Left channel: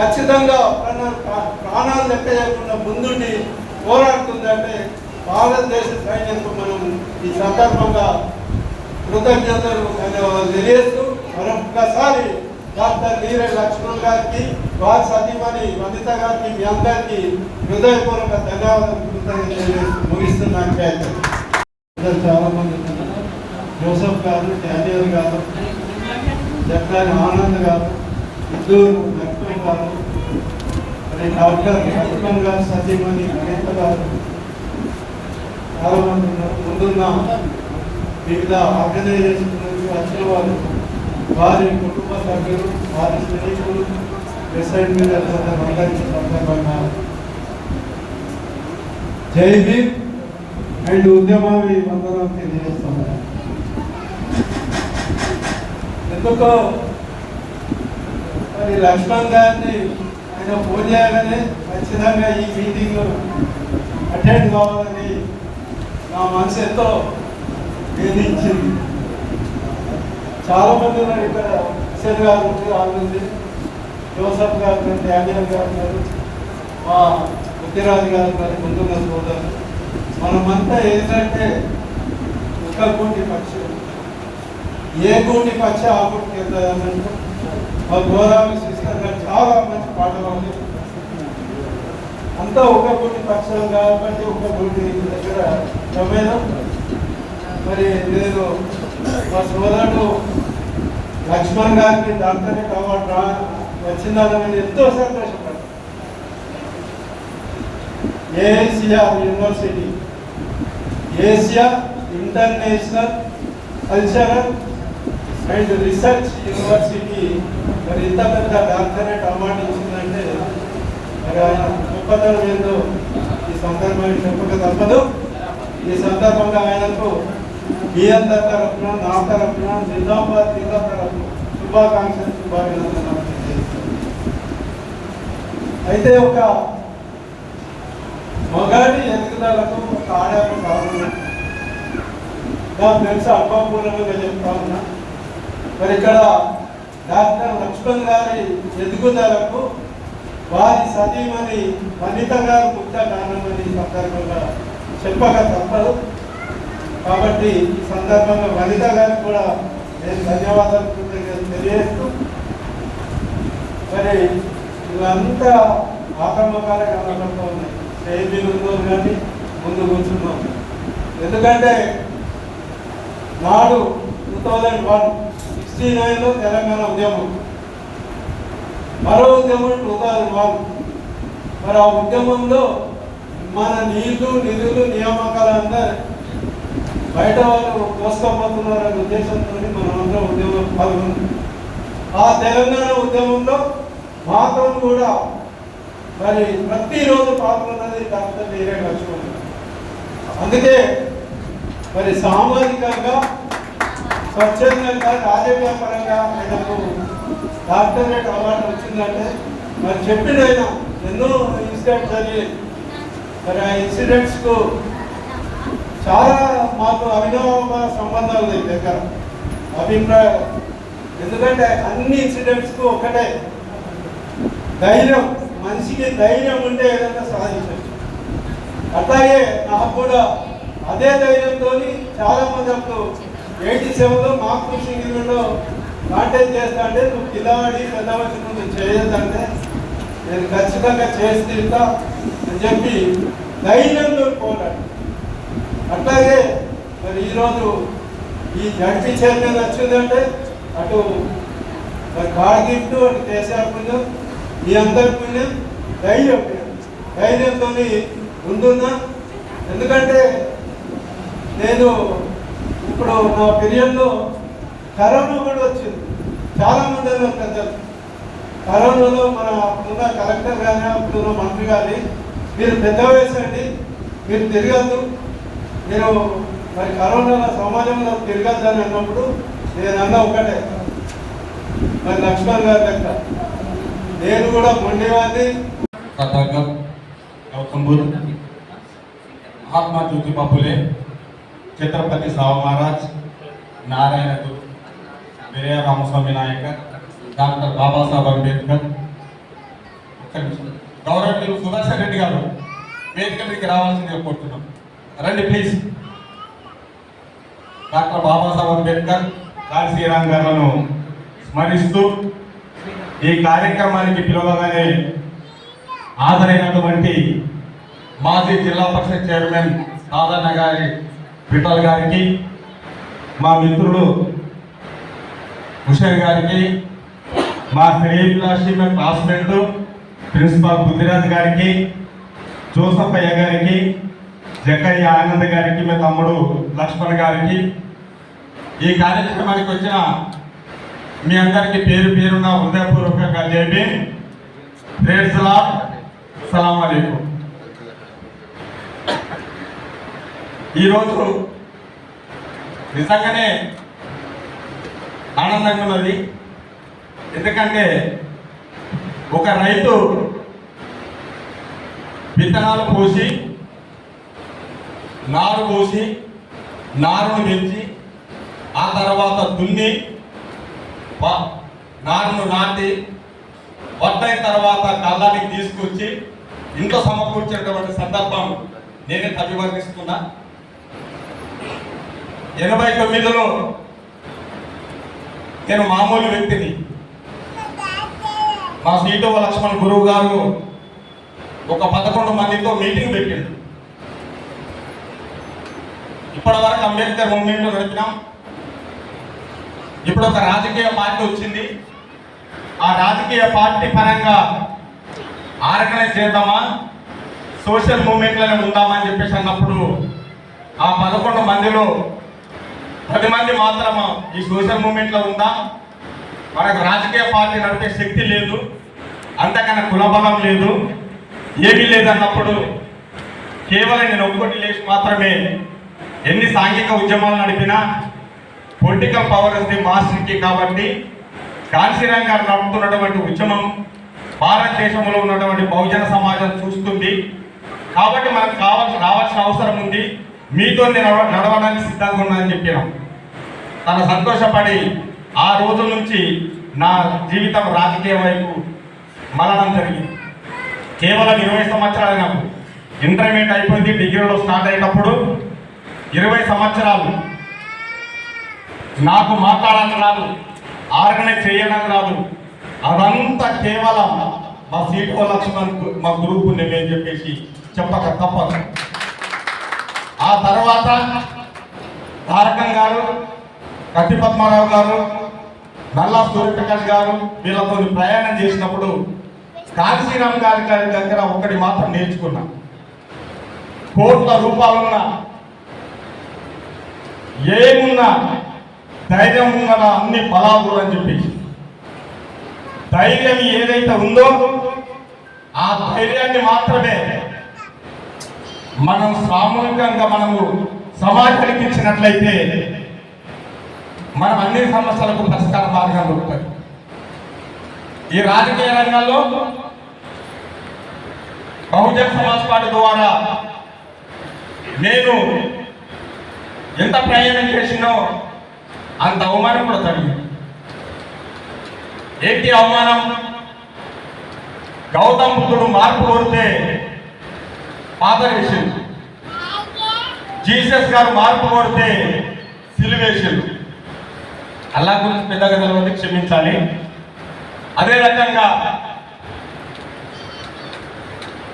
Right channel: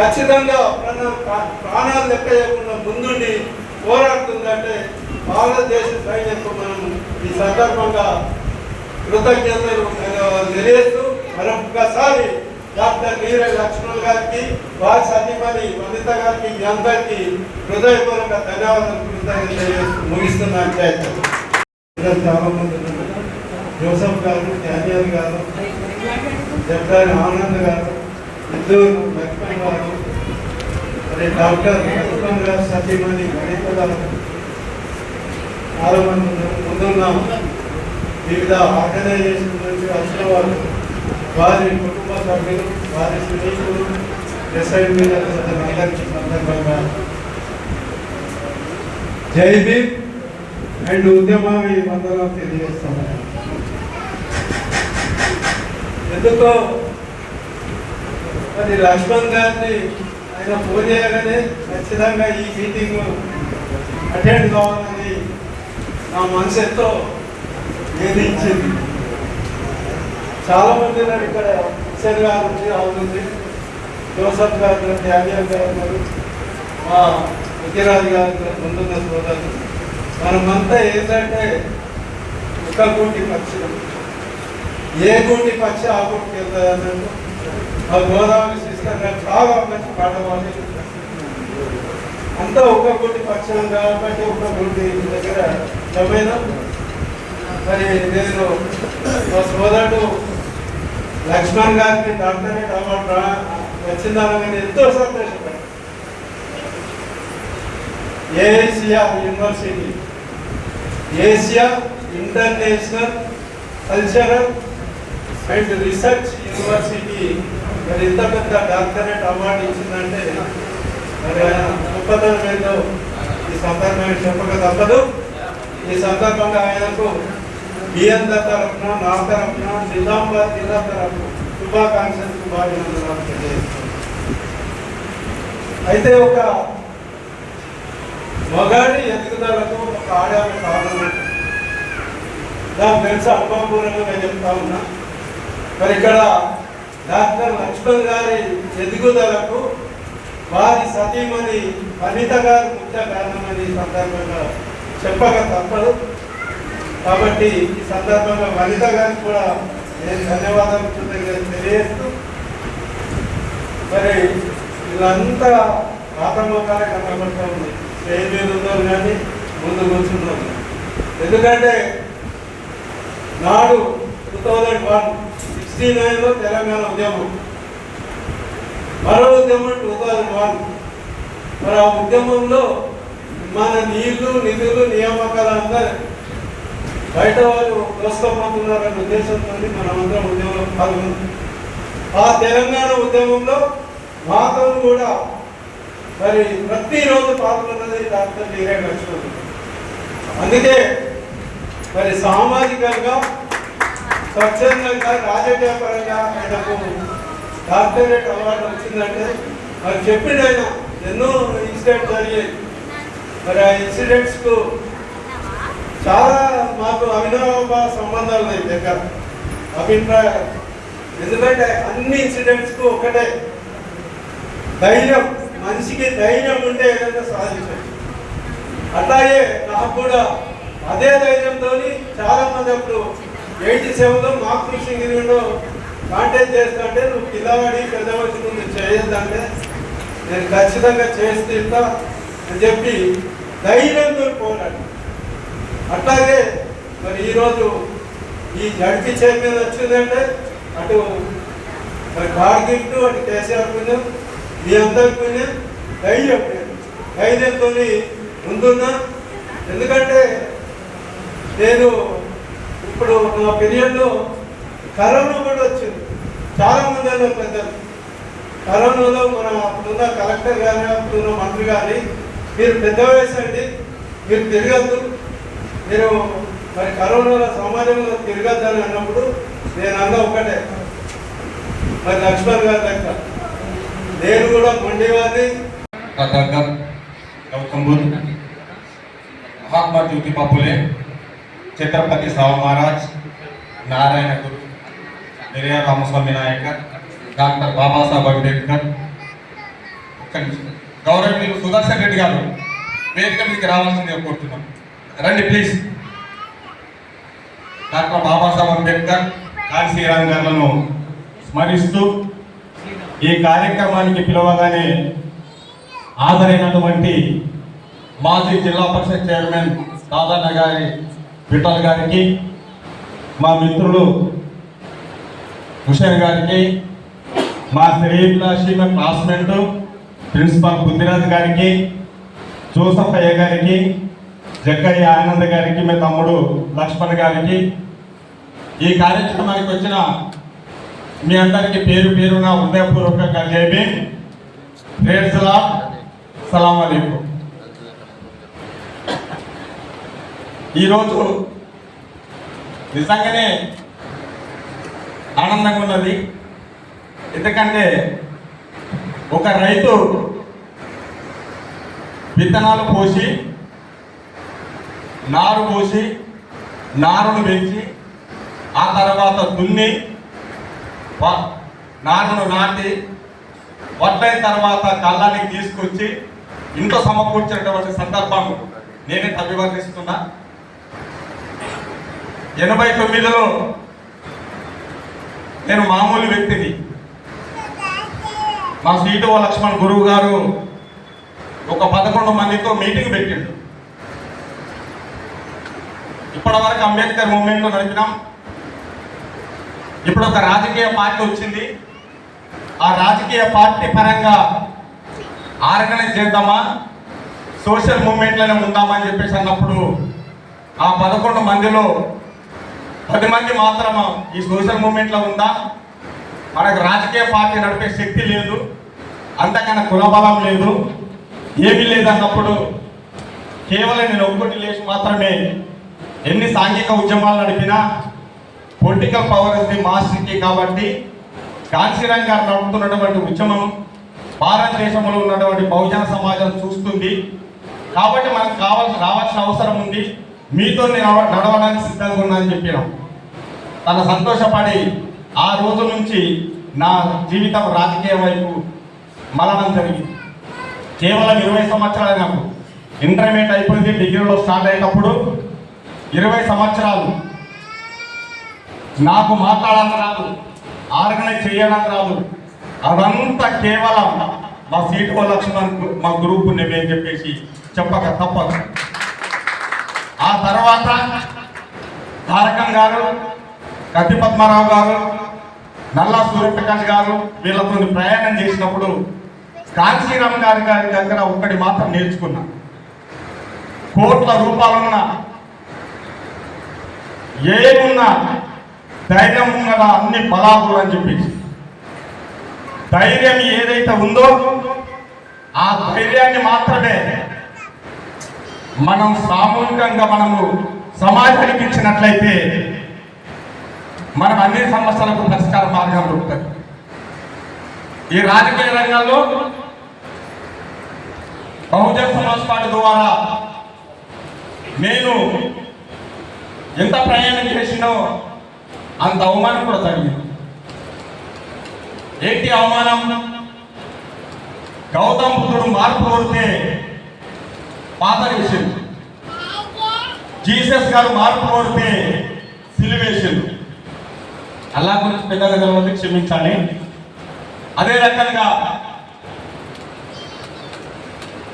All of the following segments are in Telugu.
ఖచ్చితంగా ప్రాణాలు లెక్క చేయకుండా ముందుండి పోరాడుతుందంటే భారతదేశ సైన్యంకు మనం ఈ సందర్భంగా కృతజ్ఞతలు తెలియజేస్తూ మరొకసారి డాక్టర్ నీరజ్ లక్ష్మణ్ గారికి వారి సతీమణి వనిత గారికి మీ అందరికీ హృదయపూర్వక ధన్యవాదాలు తెలియజేస్తూ ముగిస్తున్నాను. చాలా మంది జోసఫ్ గారు, డానియల్ గారు, జగ్గారి ఆనంద్ గారు, ఇద్దరు లక్ష్మణ్ గారు, మరి డాక్టర్ లక్ష్మణ్ గారు సతీమణి వనిత గారు, చాలా మంది ముందున్న వివిధ ఆర్గనైజేషన్ నుంచి వచ్చిన వాళ్ళు, వారి కుటుంబ సభ్యులు, వారి స్నేహితులు, అసైన్మెంట్ అందరికీ సందర్భంగా జై భీమ్ అండ్ ఉద్యమాన్ని వందనం తెలియజేస్తున్నాను. ఎందుకో మరి లక్ష్మణ్ గారిని ఆయన ఫోన్ చేయగానే ఖచ్చితంగా ఈ మీటింగ్ అటెండ్ కావాలని నా మనసు ఎంతో వేధించింది. చాలా మంది ఉన్నారు ఇక్కడ, హుసేన్ గారు నుంచి, రాహుల్ నుంచి, జోసఫ్ గారు, డానియల్ గారు ఉన్నారు, మా ముఖ్యరాజు గారు ముందున్న సోదరులు. మనమంతా ఏంటంటే ఒక గూటి పక్షులు, ఏ గూటి పక్షి ఆ గూటికి వెళ్తాయన్నట్టు మా గోదావరి సిస్టర్ గారు చాలా మంచి పాట పాడి అంతా ఒక గూటి పక్షులు కాబట్టి ఒక గూటి దగ్గర జమైన. మరి నేను మా సోదరుడు లక్ష్మణ్ గారికి డాక్టరేట్ అవార్డు వచ్చిందని ఎంతో సంతోషపడ్డాను. Asia university, Asia international cultural and research university మరి ఇంత పెద్ద డాక్టరేట్ అవార్డు ఇచ్చిందంటే మరి ఆయన గొప్పతనం ఏందో ఈ సందర్భంగా చెప్పక తప్పదు. ఈ సందర్భంగా ఆయనకు మీ అందరి తరఫున, నా తరఫున, నిజామాబాద్ జిల్లా తరఫున శుభాకాంక్షలు, శుభాభినందనలు తెలియజేస్తాను. అయితే ఒక మగాడి ఎదుగుదలకు ఒక ఆడాలి కారణం నాకు తెలుసు, అనుభవపూర్వకంగా చెప్తా ఉన్నా. మరి ఇక్కడ డాక్టర్ లక్ష్మణ్ గారి ఎదుగుదలకు వారి సతీమణి వనిత గారు ముఖ్య కారణమని ఈ సందర్భంగా చెప్పక తప్పదు. కాబట్టి ఈ సందర్భంగా వనిత గారికి కూడా నేను ధన్యవాదాలు తెలియజేస్తూ, మరి వీళ్ళంతా ఆత్మకార కనబడుతూ ఉంది. స్టేజ్ మీద ఉన్నారు కానీ ముందు కూర్చున్నాం. ఎందుకంటే నాడు 2001 తెలంగాణ ఉద్యమం, మరో ఉద్యమం 2001. మరి ఆ ఉద్యమంలో మన నీళ్లు, నిధులు, నియామకాలు అందరూ బయట వాళ్ళు దోసుకోపోతున్నారనే ఉద్దేశంతో మనమందరం ఉద్యమంలో పాల్గొంది. ఆ తెలంగాణ ఉద్యమంలో మాత్రం కూడా మరి ప్రతిరోజు పాల్గొన్నది డాక్టర్ నీరజ్ లక్ష్మణ్. అందుకే మరి సామాజికంగా, స్వచ్ఛందంగా, రాజకీయ పరంగా ఆయనకు డాక్టరేట్ అవార్డు వచ్చిందంటే మరి చెప్పిన ఆయన ఎన్నో ఇన్సిడెంట్స్ జరిగాయి. మరి ఆ ఇన్సిడెంట్స్కు చాలా మాకు అవినాభ సంబంధాలు ఉన్నాయి దగ్గర అభిప్రాయాలు. ఎందుకంటే అన్ని ఇన్సిడెంట్స్కు ఒకటే ధైర్యం, మనిషికి ధైర్యం ఉంటే ఏదైనా సాధించవచ్చు. అట్లాగే నాకు కూడా అదే ధైర్యంతో చాలా మంది అప్పుడు 87లో మాకు కృష్ణగిరిలో కాంటాక్ట్ చేస్తా అంటే నువ్వు పిల్లవాడి పెద్దవాడి నువ్వు చేయొద్దంటే నేను ఖచ్చితంగా చేస్తా అని చెప్పి ధైర్యంతో పోరాడు. అట్లాగే మరి ఈరోజు ఈ జడ్పీ చైర్మన్ వచ్చిందంటే అటు మరి గాడ్ గిఫ్ట్, అటు కేసీఆర్ పుణ్యం, మీ అందరి పుణ్యం, ధైర్యంతో ముందున్నా. ఎందుకంటే నేను ఇప్పుడు నా పీరియడ్లో కరోనా కూడా వచ్చింది. చాలామంది పెద్దలు కరోనాలో మనం అప్పుడున్న కలెక్టర్ కానీ, అప్పుడున్న మంత్రి కానీ మీరు పెద్ద వయసండి, మీరు తిరగద్దు, మీరు మరి కరోనా సమాజంలో తిరగద్దని అన్నప్పుడు నేను అన్న ఒకటే, మరి లక్ష్మణ్ గారు లెక్క నేను కూడా మొండివాడిని. गौतम बुद्ध, महात्मा ज्योतिबा फुले, छत्रपति शाहू महाराज, नारायण गुरु, पेरियार रामस्वामी नायकर, डॉक्टर बाबा साहब अंबेडकर, గౌరవనీయులు సుదర్శన్ రెడ్డి గారు వేదిక మీదకి రావాల్సిందిగా కోరుతున్నాం. రండి ప్లీజ్. డాక్టర్ బాబాసాహెబ్ అంబేద్కర్, కాశీరామ్ గారులను స్మరిస్తూ ఈ కార్యక్రమానికి పిలవగానే హాజరైనటువంటి మాజీ జిల్లా పరిషత్ చైర్మన్ దాదాన గారి విఠల్ గారికి, మా మిత్రులు హుషేన్ గారికి, మా శ్రేయభిలాషి మా క్లాస్మేట్ ప్రిన్సిపాల్ బుద్ధిరాజ్ గారికి, జోసఫయ్య గారికి, జక్కయ్య ఆనంద్ గారికి, మా తమ్ముడు లక్ష్మణ్ గారికి, ఈ కార్యక్రమానికి వచ్చిన మీ అందరికీ పేరు పేరున హృదయపూర్వకంగా జైబీ ప్రేర్సలా సలాం అలైకుం. ఈరోజు నిజంగానే ఆనందంగా ఉన్నది. ఎందుకంటే ఒక రైతు విత్తనాలు పోసి, నారు పోసి, నారును పెంచి, ఆ తర్వాత దున్ని, నారును నాటి, వడ్డైన తర్వాత కళ్ళానికి తీసుకొచ్చి ఇంట్లో సమకూర్చేటువంటి సందర్భం నేనే అభివర్ణిస్తున్నా. 89లో నేను మామూలు వ్యక్తిని. మా సీటు లక్ష్మణ్ గురువు గారు ఒక 11 మందితో మీటింగ్ పెట్టిండు. ఇప్పటి వరకు అంబేద్కర్ మూవ్మెంట్లో నడిపినాం. ఇప్పుడు ఒక రాజకీయ పార్టీ వచ్చింది. ఆ రాజకీయ పార్టీ పరంగా ఆర్గనైజ్ చేద్దామా, సోషల్ మూవ్మెంట్లోనే ఉందామా అని చెప్పేసి అన్నప్పుడు ఆ 11 మందిలో 10 మంది మాత్రం ఈ సోషల్ మూవ్మెంట్లో ఉందా, మనకు రాజకీయ పార్టీ నడిపే శక్తి లేదు, అంతకన్నా కులబలం లేదు, ఏమీ లేదన్నప్పుడు కేవలం నేను ఒక్కటి లేచి మాత్రమే ఎన్ని సాంఘిక ఉద్యమాలు నడిపినా పొలిటికల్ పవర్ ఉంది మాస్టర్కి. కాబట్టి కాశీరామ్ గారు నడుపుతున్నటువంటి ఉద్యమం భారతదేశంలో ఉన్నటువంటి బహుజన సమాజం చూస్తుంది. కాబట్టి మనకు రావాల్సిన అవసరం ఉంది. మీతో నేను నడవడానికి సిద్ధంగా ఉన్నా అని చెప్పాను. తను సంతోషపడి ఆ రోజు నుంచి నా జీవితం రాజకీయ వైపు మరణం జరిగింది. కేవలం 20 సంవత్సరాలు నాకు ఇంటర్మీడియట్ అయిపోయింది. డిగ్రీలో స్టార్ట్ అయినప్పుడు 20 సంవత్సరాలు నాకు మాట్లాడడం రాదు, ఆర్గనైజ్ చేయడం రాదు. అదంతా కేవలం మా సీటు లక్ష్మణ్ మా గ్రూప్ నేను చెప్పేసి చెప్పక తప్పదు. ఆ తర్వాత తారకం గారు, కత్తి పద్మారావు గారు, నల్లా సూర్యప్రకాష్ గారు వీళ్ళతో ప్రయాణం చేసినప్పుడు కాశీరామ్ గారి దగ్గర ఒక్కటి మాత్రం నేర్చుకున్నా. కోట్ల రూపాయలున్న ఏమున్నా ధైర్యం ఉన్న అన్ని బలాలు అని చెప్పేసి, ధైర్యం ఏదైతే ఉందో ఆ ధైర్యాన్ని మాత్రమే మనం సామూహికంగా మనము సమాజానికి ఇచ్చినట్లయితే మనం అన్ని సమస్యలకు పరిష్కార మార్గం దొరుకుతుంది. ఈ రాజకీయ రంగంలో బహుజన సమాజ్ పార్టీ ద్వారా నేను ఎంత ప్రయాణం చేసినో అంత అవమానం కూడా తగ్గింది. ఏంటి అవమానం? గౌతమ్ బుద్ధుడు మార్పు కోరితే పాత విషయం, జీసస్ గారు మార్పు కోరితే సిలువేషన్. అల్లా గురించి పెద్దగా తెలియదు, క్షమించాలి. అదే రకంగా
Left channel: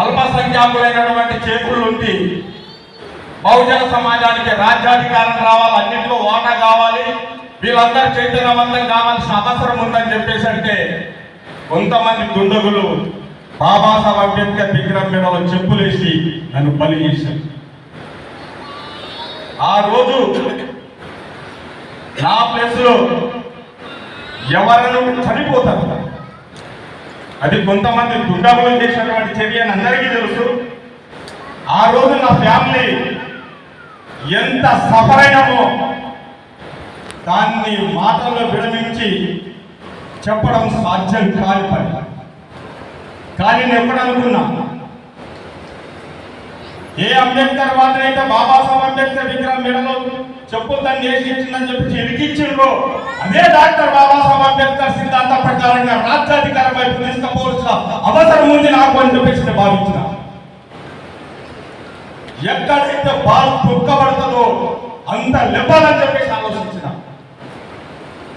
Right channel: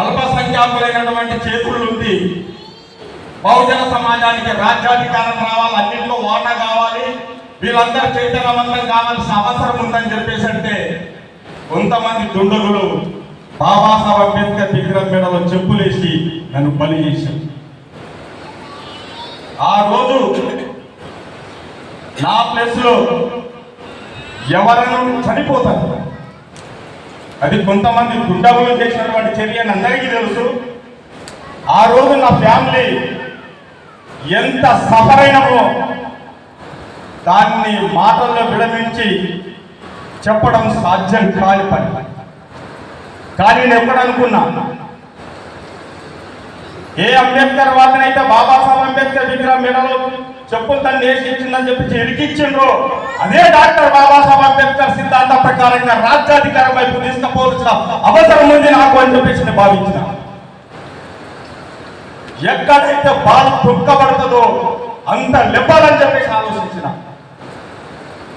అల్పసంఖ్యాకులైనటువంటి చేతులు ఉండి బహుజన సమాజానికి రాజ్యాధికారం రావాలి, అన్నింటిలో వాటా కావాలి, వీళ్ళందరూ చైతన్యవంతం కావాల్సిన అవసరం ఉందని చెప్పేసి అంటే కొంతమంది దుండగులు బాబాసాహెబ్ అంబేద్కర్ విగ్రహం మీదలో చెప్పులేసి నన్ను బలి చేశారు. ఆ రోజు నా ప్లేస్లో ఎవరైనా చనిపోతారు. అది కొంతమంది దుండగులు చేసినటువంటి చర్య అని అందరికీ తెలుసు. ఆ రోజు నా ఫ్యామిలీ ఎంత సఫర్ అయినామో దాన్ని మాటల్లో విడమించి చెప్పడం సాధ్యం కాని పని. కానీ నేను ఎప్పుడు అనుకున్నా, ఏ అంబేద్కర్ వాదినైతే బాబాసాహెబ్ అంబేద్కర్ విగ్రహం మెడలో చెప్పులు తను వేసి ఇచ్చిందని చెప్పి ఇరికిచ్చిండ్రు, అదే డాక్టర్ బాబాసాహెబ్ అంబేద్కర్ సిద్ధాంత ప్రకారంగా రాజ్యాధికారం వైపు తీసుకుపోవాల్సిన అవసరం ఉంది నాకు అని చెప్పేసి నేను భావించిన. ఎక్కడైతే బాధ దుఃఖపడుతుందో అంత లెప్పాలని చెప్పేసి ఆలోచించిన.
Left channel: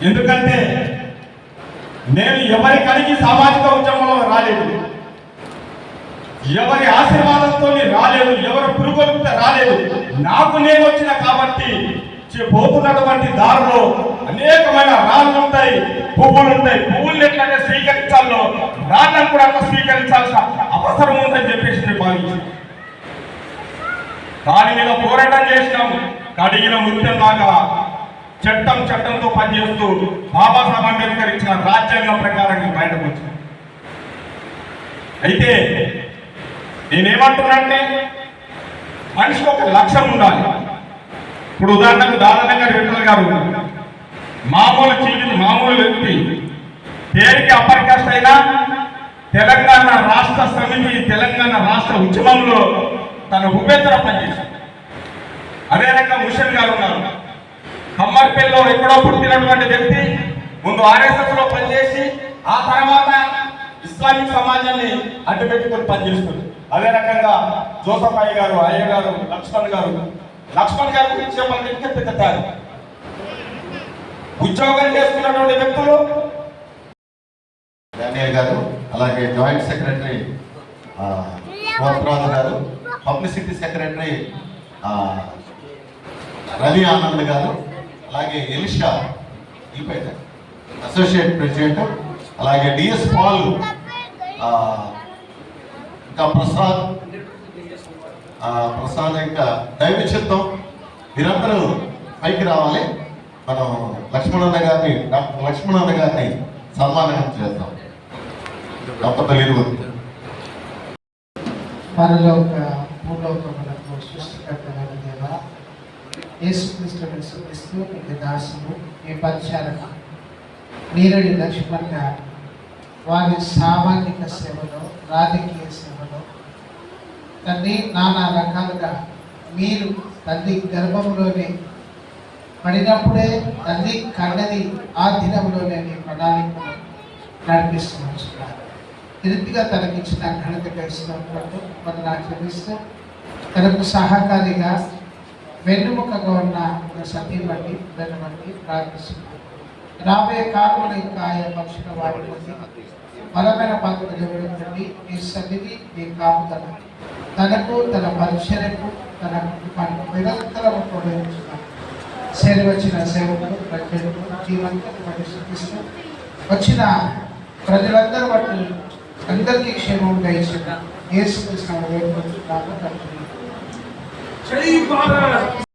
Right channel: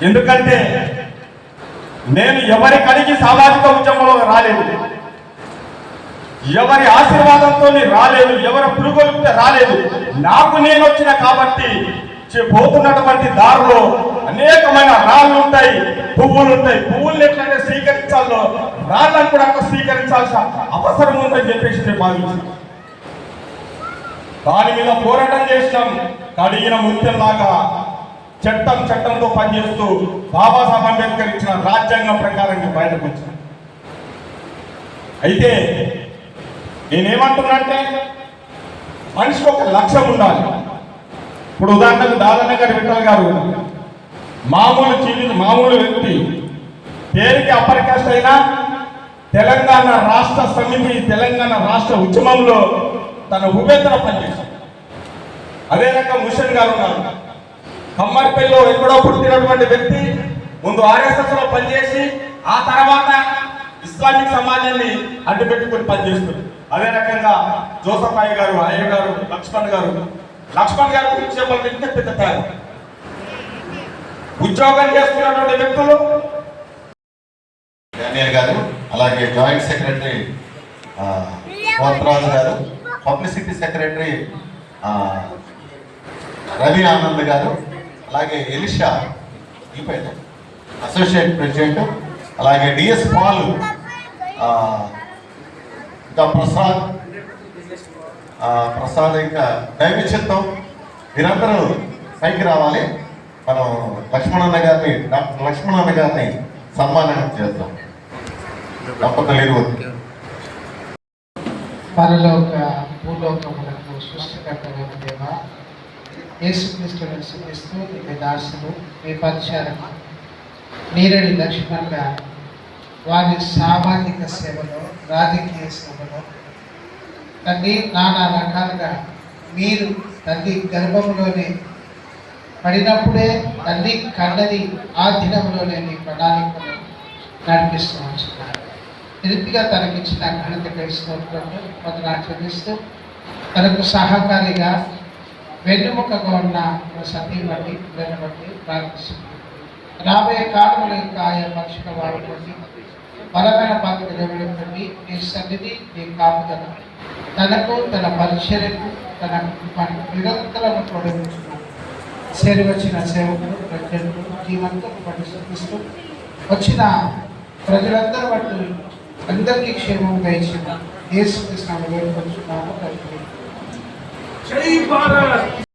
ఎందుకంటే నేను ఎవరి కడిగి సామాజిక ఉద్యమంలో రాలేదు, ఎవరి ఆశీర్వాదంతో రాలేదు, ఎవరి పురుగొలిపితే రాలేదు. నాకు నేను వచ్చిన కాబట్టి పోతున్నటువంటి దారిలో అనేకమైన రాళ్ళు ఉంటాయి, పువ్వులు ఉంటాయి. పువ్వులు ఎట్లయితే స్వీకరించాలో రాళ్ళను కూడా అంత స్వీకరించాల్సిన అవసరం ఉందని చెప్పేసి నేను భావించాను. దాని మీద పోరాటం చేసినాం. కడిగిన ముత్యంలాగా చట్టంతో పనిచేస్తూ బాబాసాహెబ్ అంబేద్కర్ ఇచ్చిన రాజ్యాంగం ప్రకారంగా బయటకు వచ్చాం. అయితే నేనేమంటున్నానంటే మనిషికి ఒక లక్ష్యం ఉండాలి. ఇప్పుడు ఉదాహరణకు దాదానగర్ విఠల్ గారు మామూలు వ్యక్తి, పేరుకి అప్పర్ కాస్ట్ అయినా తెలంగాణ రాష్ట్ర సమితి, తెలంగాణ రాష్ట్ర ఉద్యమంలో తన ఉపేతర పనిచేశారు. అదే రకంగా ముషన్ గారు ఉన్నారు, కమ్మర్పల్లిలో ఎక్కడో పుట్టినటువంటి వ్యక్తి, ముందు ఆర్ఎస్ఎస్ లో పనిచేసి ఆ తర్వాత ఇస్లామిక్ సమాజాన్ని అడ్డుపెట్టుకుని పనిచేస్తుంది. అదే రకంగా జోసఫాయి గారు, ఆయన గారు, లక్ష్మణ్ గారు గురించి చెప్పాలంటే పెద్ద కాదు. ఉద్యోగం చేస్తున్నటువంటి వ్యక్తులు డానియల్ గారు, అలాగే జాయింట్ సెక్రటరీ కోత్రాజు గారు, పబ్లిసిటీ సెక్రటరీ రవి ఆనంద్ గారు, అలాగే ఎలిషా ఈపేట అసోసియేట్ ప్రెసిడెంట్, అలాగే డిఎస్ పాల్, ఇంకా ప్రసాద్ ఇంకా దైవచిత్తం, మీరందరూ పైకి రావాలి. మనం డాక్టర్ లక్ష్మణన్న గారిని సన్మానం చేద్దాం. దంపతులు పరలోక భూలోకములకు సృష్టికర్తమైన దేవా, యేసుక్రీస్తుని స్తుతిస్తూ మీ దాసులు మీ పరిచారక నీరడి లక్ష్మణ్ గారు వారి సామాజిక సేవలో, రాజకీయ సేవలో తల్లి నానా రకాలుగా మీరు తల్లి గర్భంలోనే పడినప్పుడే తల్లి కన్నది ఆ దినంలోనే నీ ప్రణాళికను నడిపిస్తూ ఉంటున్నారు. తిరిగిగా తనకిచ్చిన ఘనతగా ఇస్తున్నట్టు వందనాలు చెల్లిస్తూ తనకు సహకారిగా వెన్నుముకగా ఉన్న సతీమణి పిల్లల బట్టి ప్రార్థిస్తున్నాను. రాబోయే కాలంలో ఇంకా ఆయా మనుషుల వారి బట్టి బలమైన పాత్ర నిలబెట్టండి. నీ సన్నిధి, నీ కాపుదల తనకు, తన పరిచర్యకు, తన కుటుంబానికి నిరంతరం ప్రోత్సహించున్నాను. వచ్చిన సేవకులు, ప్రజలు జీవంతో బట్టి శుద్ధిస్తూ వచ్చిన ప్రజలందరూ బట్టి అందరికీ క్షేమంగా ఇచ్చిన యేసుక్రీస్తును వేడుకొంటున్నాను.